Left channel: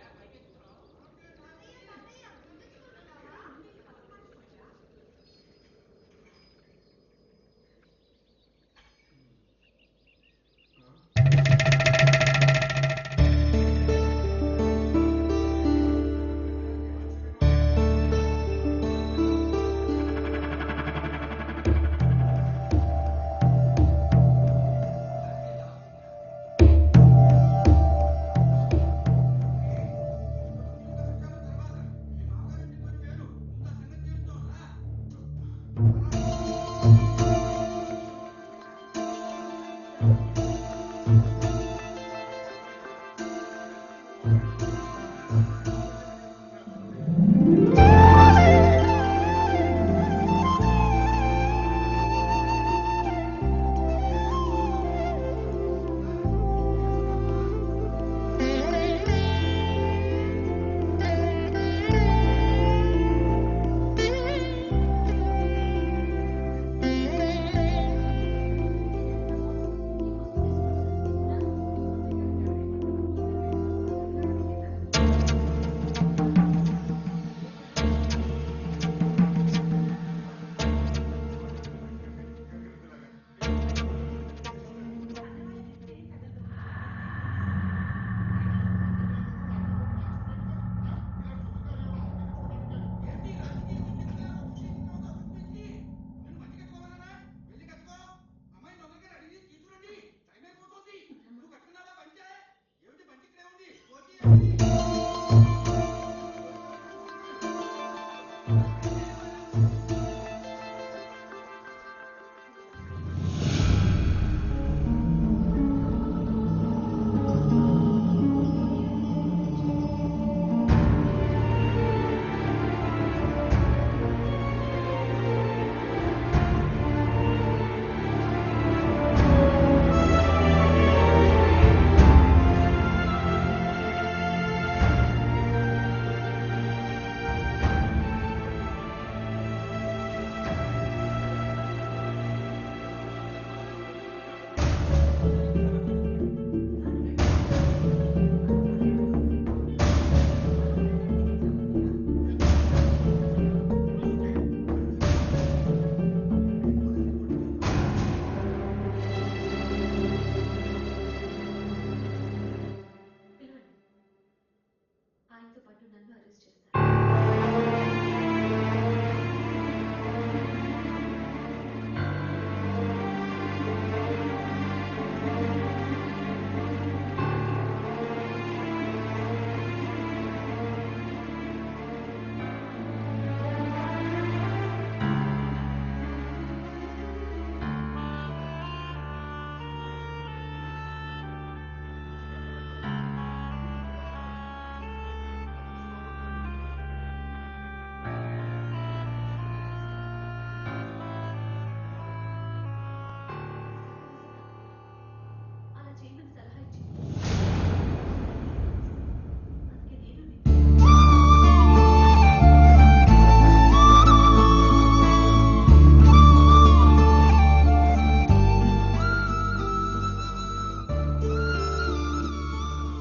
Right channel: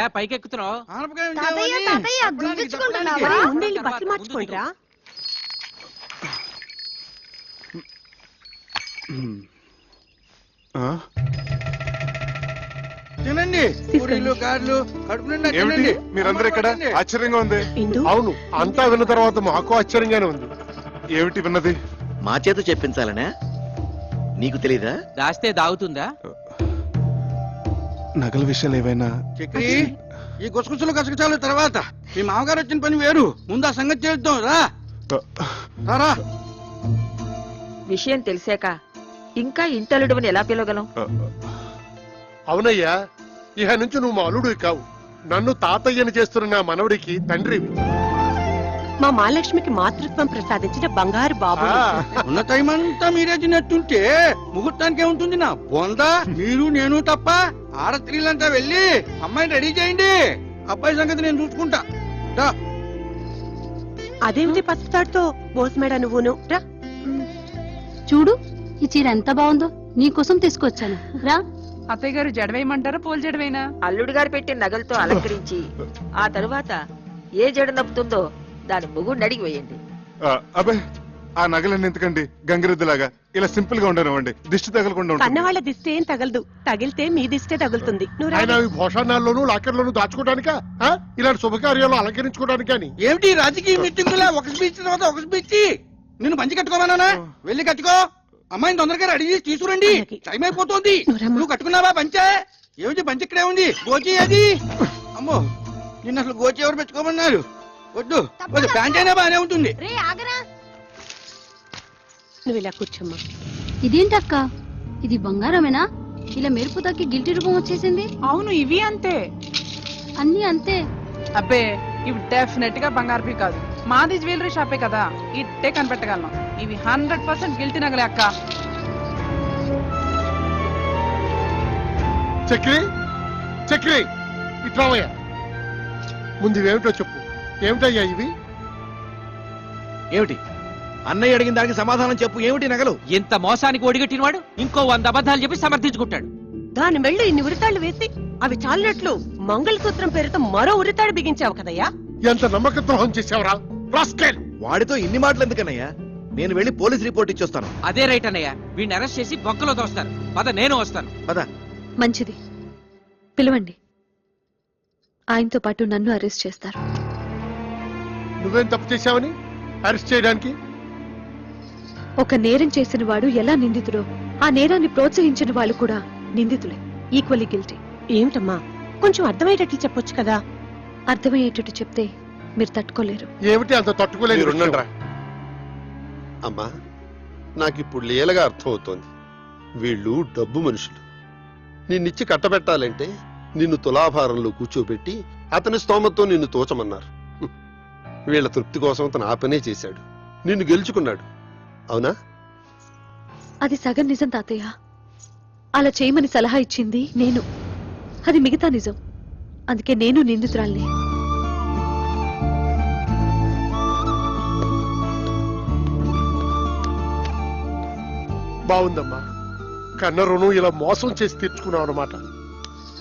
ఏంటయ్యా పైకెక్కుతున్నావు? బట్టలు మార్చుకుంటారా? మీరందరూ ఇక్కడ ఆశ్చర్యంగా ఉంది. అవును, అంతా విన్న తర్వాత మాకు ఆశ్చర్యంగానే ఉంది. ఏమిటి విన్నది? మా చేత చెప్పించాలనే నీకు తెలీదా? దాస్తే దాగుతుందా? నగల విషయాలు ఏవైనా ఈ గుసగుసలు కసగచాలు తర్వాత మీ మామగారు వచ్చిన పని వేరు. ముందు ఆ సంగతి చేద్దాం. రా. విషయం తెలిసాక ఇంకా ఇంటలుడువని ఎలా పిలవగలం? అవునయ్యా, ఇహ నుంచి నువ్వు మా అల్లుడు కావు, నన్ను తాతయ్యని చేస్తున్న నా మనవడికి తండ్రి. మా మహాలక్ష్మికి మాతృత్వం ప్రసాదించిన బంగారు బాబు. ఉన్న టైం అంతా మీరే తిన్నట్టుంటే ముహూర్తానికి ఏముంటుంది? నా వందా మీరు నేను తప్ప ఆడస్త్రీలంతా వెళ్ళి అమ్మాయిని రెడీ చేయండి. అబ్బాయి సంగతి నేను చూసుకుంటా. అదేమిటి పసుపుతాడుతో పోసమేడా నువ్వును? చూడు, ఈ చీర ఎంత బాగుందో, నీకోసం తీసుకొచ్చాను. రా. అత్తయ్య గారు జడవేయమంటారా పూల జడవేనా? అల్లుడు గారు పెట్టిన నగలతో అలంకరించి ఆ తరువాత ఏ జడ నవ్వుతుందో దాని మొగుడిని అడిగి వేయండి. అబ్బాయి, ఆ నగలన్నీ ఎందుకండి? గంగిరెద్దులాగా ఇలా సింపుల్ గా ఉండనివ్వండి, దిష్టి తగలకుండా ఉంటుంది. కన్నవాళ్ళ దిష్టి ఏం తగలదు, తగిలితే మీ దిష్టే తగులుతుంది. భోషణాల్లోనూ లాకర్లోనూ దాచుకోవడానికా? ఇలాంటి శుభకార్యాలు అలంకరించుకోవడానికి అని ఏమిటి రాజకీయ మీటింగులా? ఒక స్పీచ్ తర్వాత ఒక స్పీచ్. నిన్ను మంచి కట్టుకోమన్నానా? వెళ్ళి కట్టుకో. అమ్మాయిని తొందరగా రెడీ చేసి తీసుకురండి, టైం అయిపోతుంది. నువ్వు కట్టుకున్నావా పంచే? ఏమిటి పంచి ఇక్కడే ఉంది. గోచి అది. అమ్మో, నిన్న అసలు గోచి ఎవరు పెట్టుకోమన్నారు? వద్దు వద్దు, ప్యాంట్ అయినా బాగానే ఉంటుంది. నువ్వు ఇలా కూర్చోమ్మా. ఇదేంటక్క, ఇది బంగారమేనా? ఇలా మెరుపు తగ్గి గిల్టి రూపం వచ్చేసింది. అవును, ఇవి అంతే, అన్ని అంతే. అబ్బే ఇవి డెఫినెట్ గా బంగారు కాదు. మాది జ్యువెలరీ షాపే కదా, ఇట్టే కనిపెట్టగలను. ఇవి 100% గిల్టీ నగలే అక్క. చక్రి చక్రి ఇట్రావయ్యా, ముందు ఇవేమిటో చెప్పు. ఏమిటయ్యా ఇవి? ఏమిటి అన్నయ్య అడిగిన దానికి సమాధానం చెప్పు. ఏమిటి నగలు? ఇంత మోసానికి ఒడిగట్టిన వాడు ఇంకో 100 అబద్ధాలు చెప్పి సమర్థించుకుంటాడు. దాని మెళ్ళు ఇన్ని ఉరితాళ్లు వేసి అవి చాలినట్లు మంగళసూత్రం పేరుతో మరో ఉరితాడు బిగించావు కదయ్యా. ఎంత నమ్మక ద్రోహం చేసావురా? వాడితో ఇన్ని మాటలు ఎందుకన్నయ్యా? నేను వెళ్ళి పోలీస్ రిపోర్ట్ ఇచ్చొస్తాను. అదే రైట్ అన్నయ్య, వీడిని అరెస్ట్ చేసి బొక్కలో తోస్తాను. పద, నేను వస్తాను. పద. మంచిది, పిలవండి. ఆయనతో పాటు నన్ను అరెస్ట్ చేస్తారు. నువ్వేం తప్పు చేశావని అరెస్ట్ చేయడానికి? ఒక నేరం చేసిన వాడు ఎలా నిందితుడో, ఆ నేరాన్ని ప్రోత్సహించిన వాళ్ళు కూడా నిందితులే, ఈక్వల్లీ గిల్టీ. ఏంటమ్మా, కొంచెం అర్థమయ్యేటట్లు చెప్పొచ్చు కదా. అర్థమయ్యేటట్టు చెప్తే మీరు తట్టుకోలేరు. ఏమిటి అంత తట్టుకోలేరు? అమ్మా, నాకిప్పుడు లీలగా అర్థం అవుతోంది. వీళ్ళు డబ్బు మనుషులు. నిన్నిచ్చి కట్టబెట్టాలంటే నిన్ను తులాభారంలో కూర్చోబెట్టి అతని స్తోమతో నిన్ను తోచమన్నారు. వీళ్ళ తృప్తి కోసం అతను ఆ పనే చేశాడు, నిన్ను గెలుచుకున్నాడు. అవునా? అది సగం నిజం తాతయ్య. అలా చేయమని సలహా ఇచ్చింది నేను, అది మిగతా నిజం. అందుకే నేను నిందితురాల్ని. బాగుందమ్మా, కన్న రుణం ఇలా మోసం చేసి తెచ్చుకున్నావు అన్నమాట.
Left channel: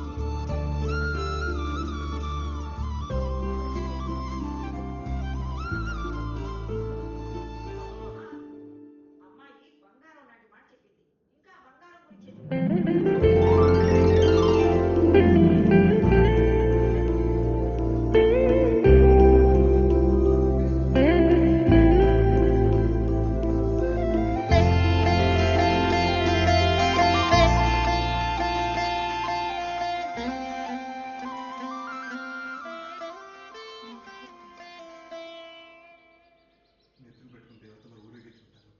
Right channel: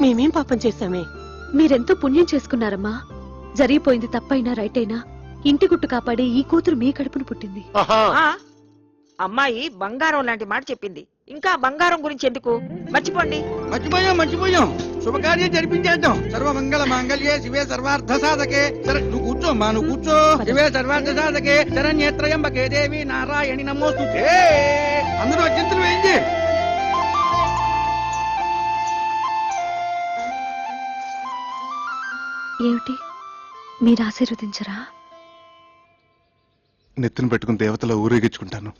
మేమేం పాపం చేశామే? మీరెంతో పుణ్యం చేసుకున్నారమ్మా. జరిగిపోయింది తప్పైనా రైట్ అయినా ఇంటి గుట్టు కాపాడే ఈ కూతురు మీ కడుపును పుట్టింది. అమ్మాయి బంగారం లాంటి మాట చెప్పింది. ఇంకా బంగారం గురించి ఎందుకు? మర్చిపోండి. మర్చిపోయాం. శుభకార్యం జరిపించేద్దాం. సర్వమంగళ మాంగళ్యే శివే సర్వార్థ సాధకే. నువ్వు కూర్చో, నువ్వు కూర్చో. శివే సర్వార్థ సాధకే శరణ్యేత్రయంబకే దేవి నారాయణి నమోస్తుతే. అందరూ అత్యంతరం వేయించి. ఏమిటి, మీరు ఆశీర్వదించరా? నెత్తిన పెట్టుకుని దేవతలో ఊరేగించుకుంటాను.